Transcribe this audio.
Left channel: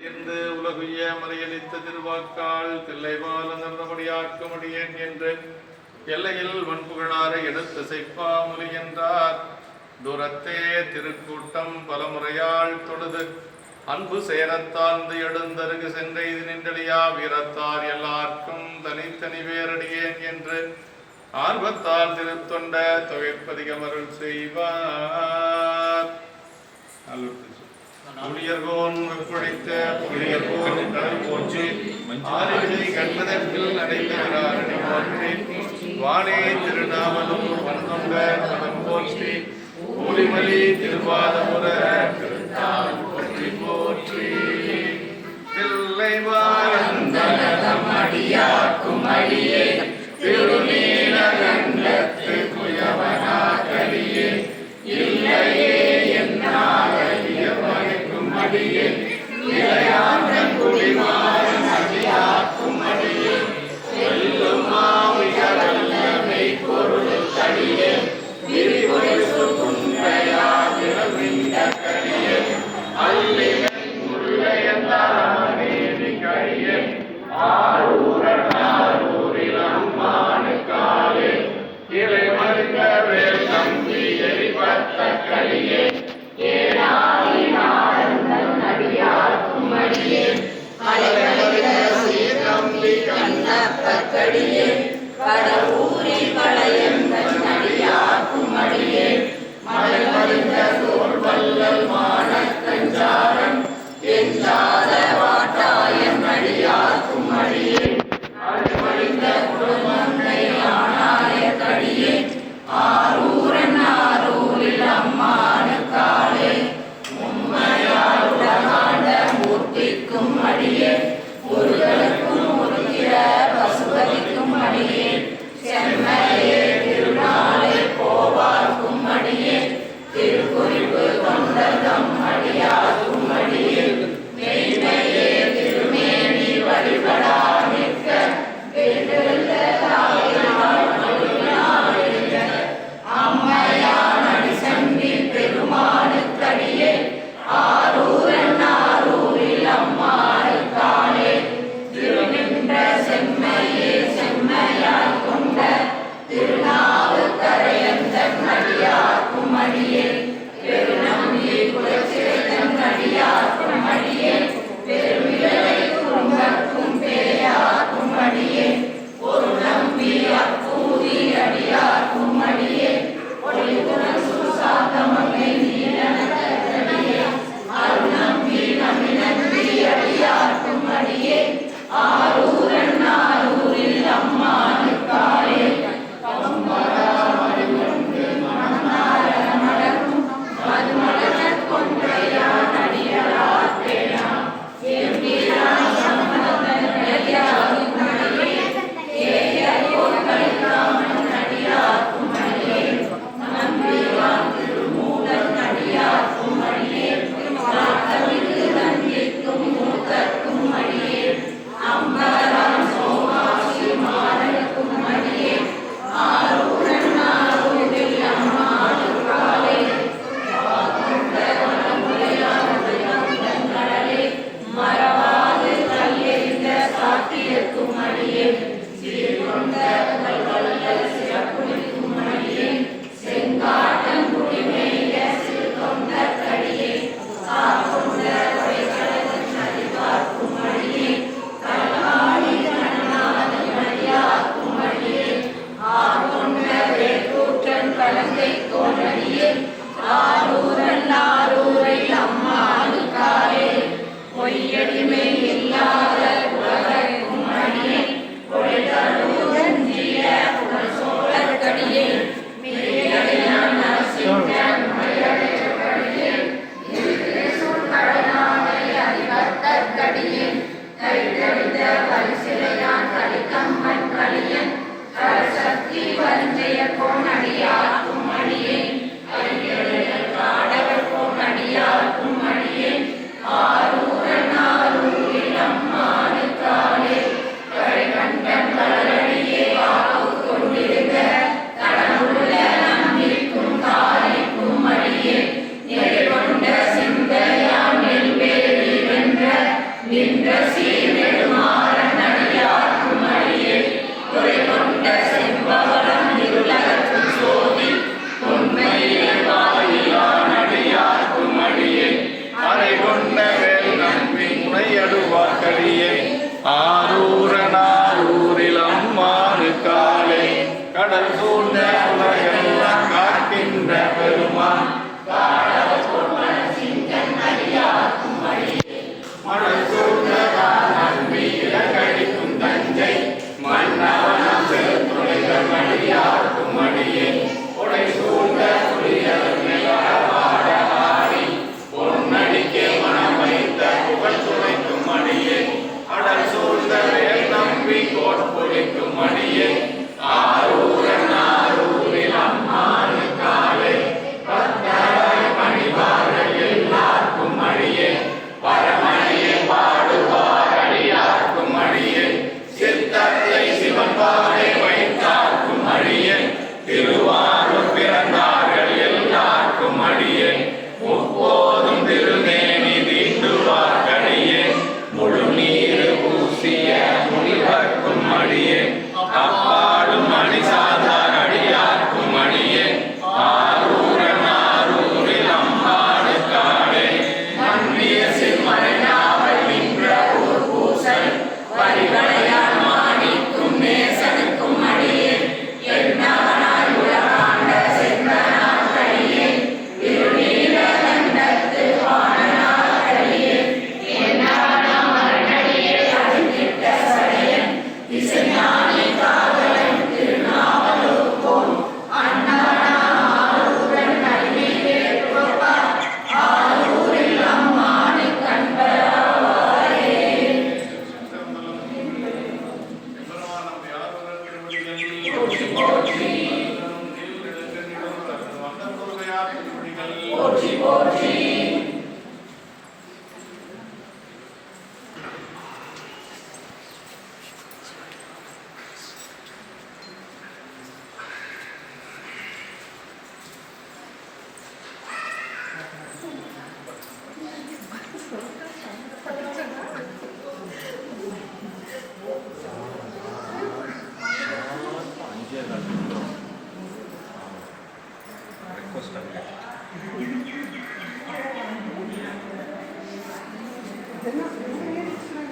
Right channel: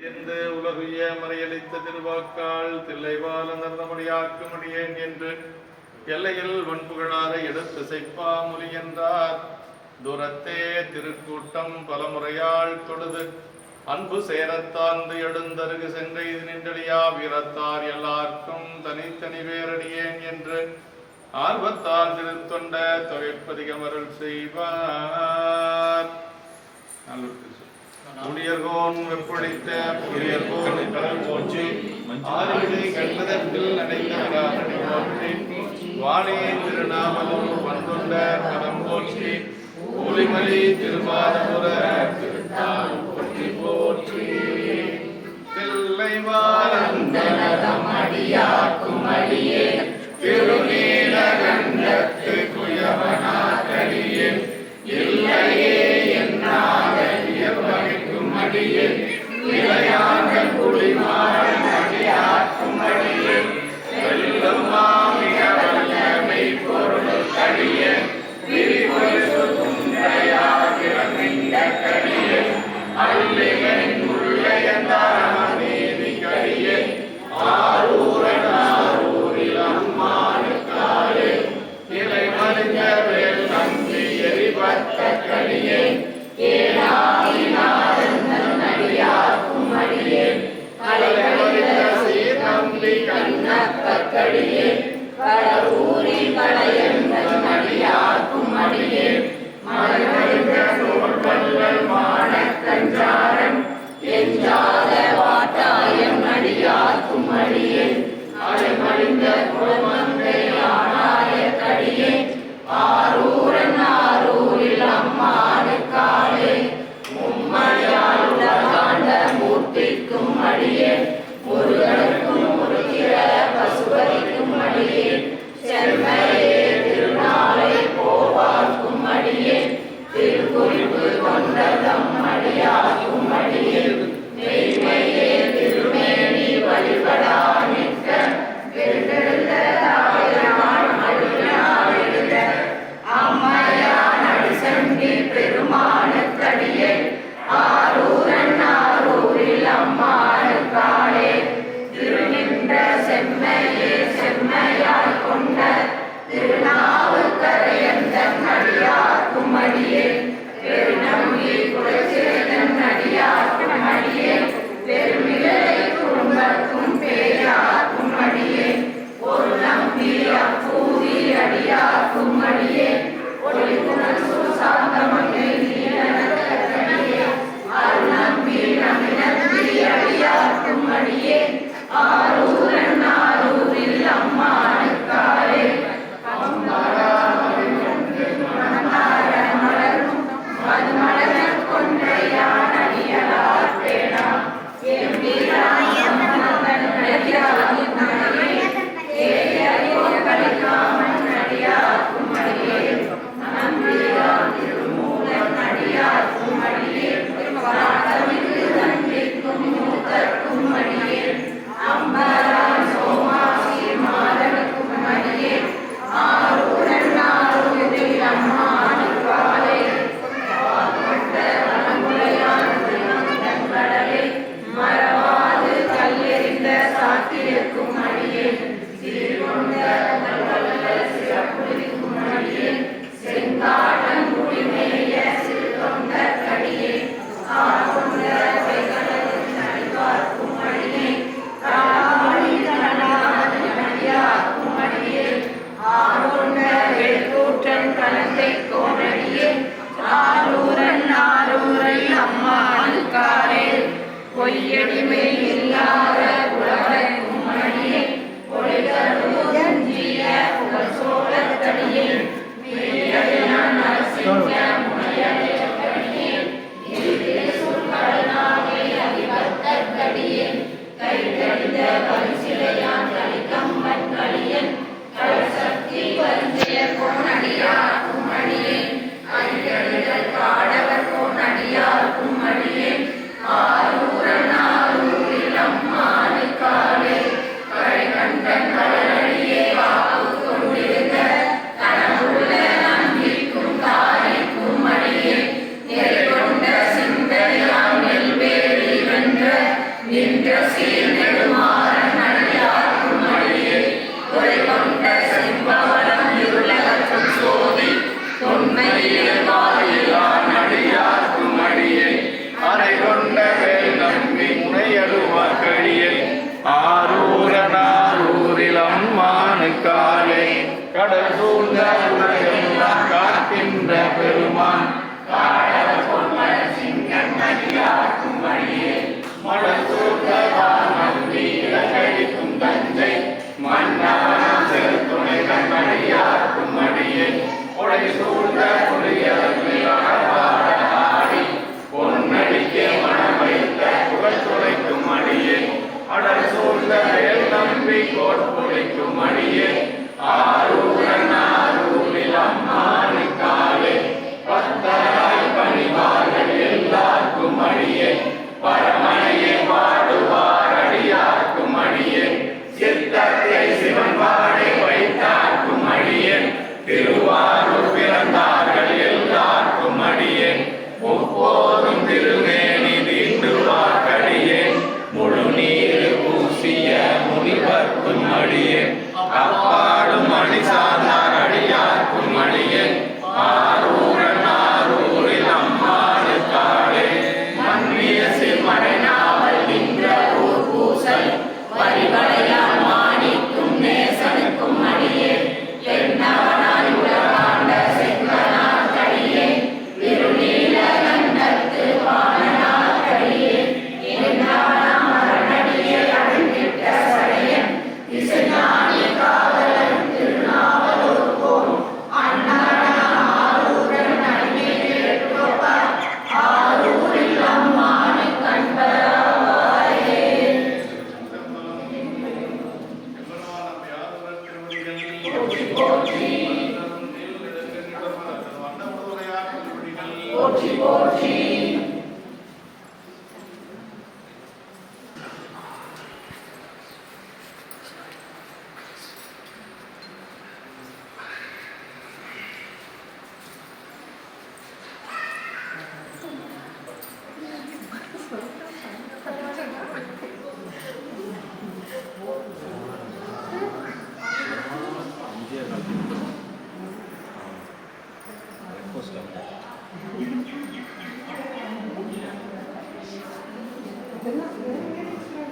இருந்து உலகைய மறையளித்த திருவாக்கால் தில்லைவால நம்முடையாக்க முடியேன் என்று எல்லையில் வன்புகளாரை எடுத்து செய்ப்பா முறிகின்றார் தூரத்தே திருக்கூட்டம் பலமுறையால் தொழுது அன்பு சேரத்தாழ்ந்து எழுந்தருகு சென்ற இது நின்றடியா வீரத்தார் எல்லாருக்கும் தனித்தனி வேரடியேன் என்று ஆர்வத்தால் திருத்தொண்ட தொகைப்பதிகமருள் செய்வார். ஊழியர்கோன் புழைத்த புரியல் போல் கடல் போன்று ஆறுகளை கண்பதற்கில் அடைந்தவராரணி போற்றி. வானே திருநாமலும் மண்கொண்ட மனம் போற்றி. ஊழிமொழி திருவாதமுர போற்றி போற்றி. பிள்ளை வாழ்ந்தனதம் அடியாக்கும் அடியே. திருநீல கண்டத்து Yeah, yeah, yeah. கடல் சூழ்ந்த உலகெல்லாம் காக்கின்ற பெருமான். Kappa Lord, Lord, Lord.